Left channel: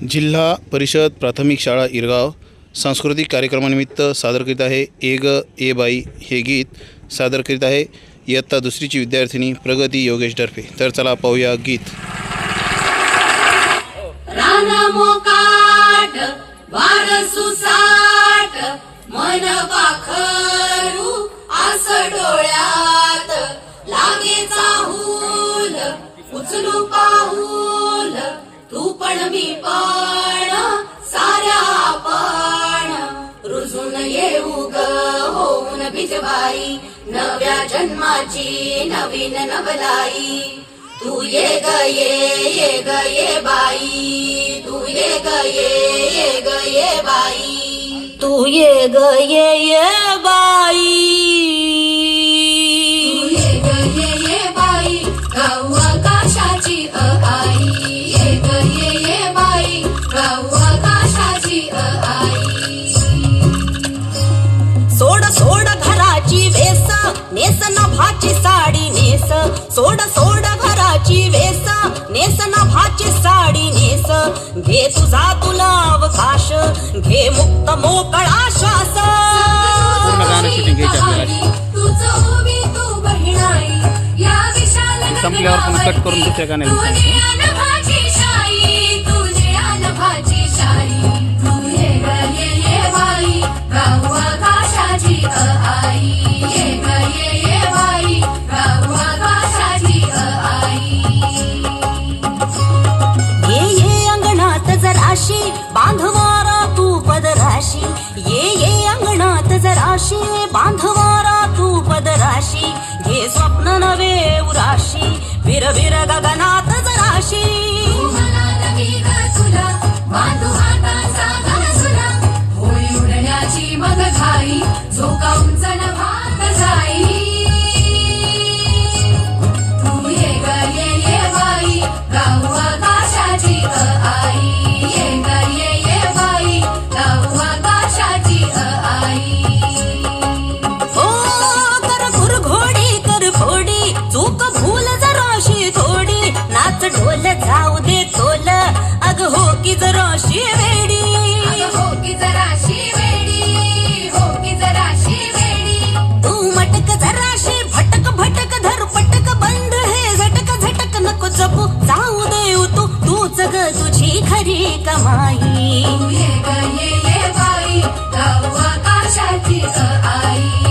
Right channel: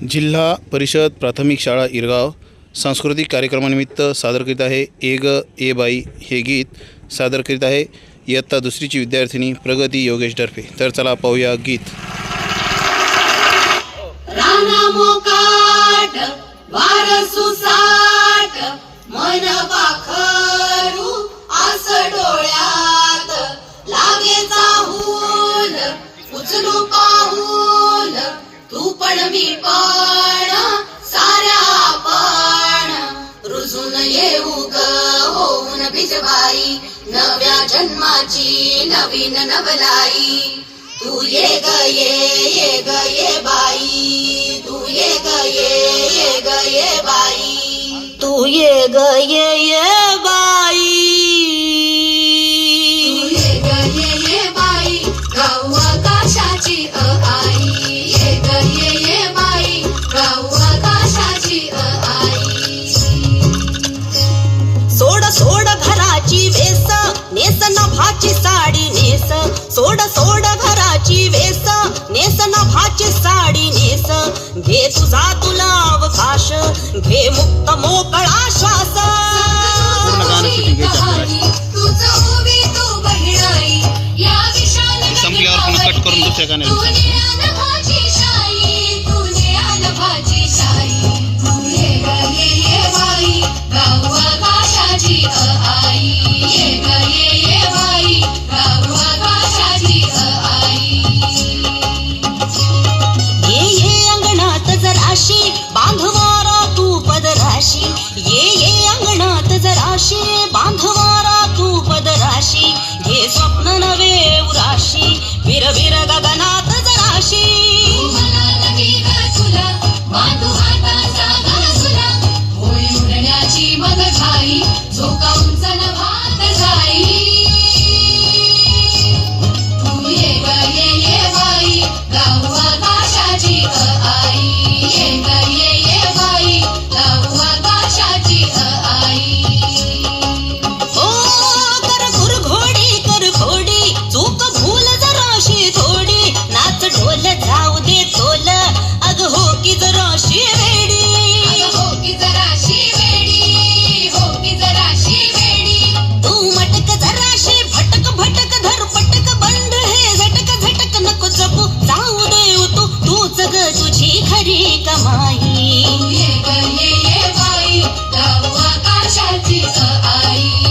जिल्हा परिषद प्राथमिक शाळा इरगाव सांस्कृतिक कार्यक्रमानिमित्त सादर करीत आहे ए ग ए बाई हे गीत सादर करीत आहे इयत्ता दुसरीची विद्यार्थिनी प्रगती योगेश डरफे। तर चला पाहूया गीत। मन पाखरू आस डोळ्यात लागे चाहूल उचलू पाऊल तू पण मी पण साऱ्या आपण रुजून येऊ ग होऊन बिजबाई नव्या जन्माची नवीन नवलाई तू ये ग ये ग ये बाई तू ये ग ये ग ये बाई तू ये ग ये बाई तू ये ग ये बाई गाऊ आकाशाची आई ये ग ये बाई गाऊ आकाशाची आई सोड सोड घराची वेस नेस नभाची साडी नेस सोड सोड घराची वेस नेस नभाची साडी नेस घे तुझा तुला अवकाश घे मुक्त मोकळा श्वास संपल्यावर पुन्हा कट करून दुसऱ्या गाण्याला बांधवारा तू पदराशी ये अंगणात जराशी बांधवारा तू पदराशी घे स्वप्न नवे उराशी विर विर गगनात जराशी बांधू हाताचा गळसुला होळी उडण्याची मग घाई झोका उंच नभात जाई तू ये ग ये बाई गाऊ आकाशाची आई जाऊ दे तोल अग हो की जराशी वेडी हो की जराशी वेडी हो की जराशी वेडी तू मटक जराशी भटक भटक धर पटक बंड हे झटक झटक नको जपू जाऊ दे तू तूच ग तुझी खरी कमाई ये ग ये बाई गाऊ आकाशाची आई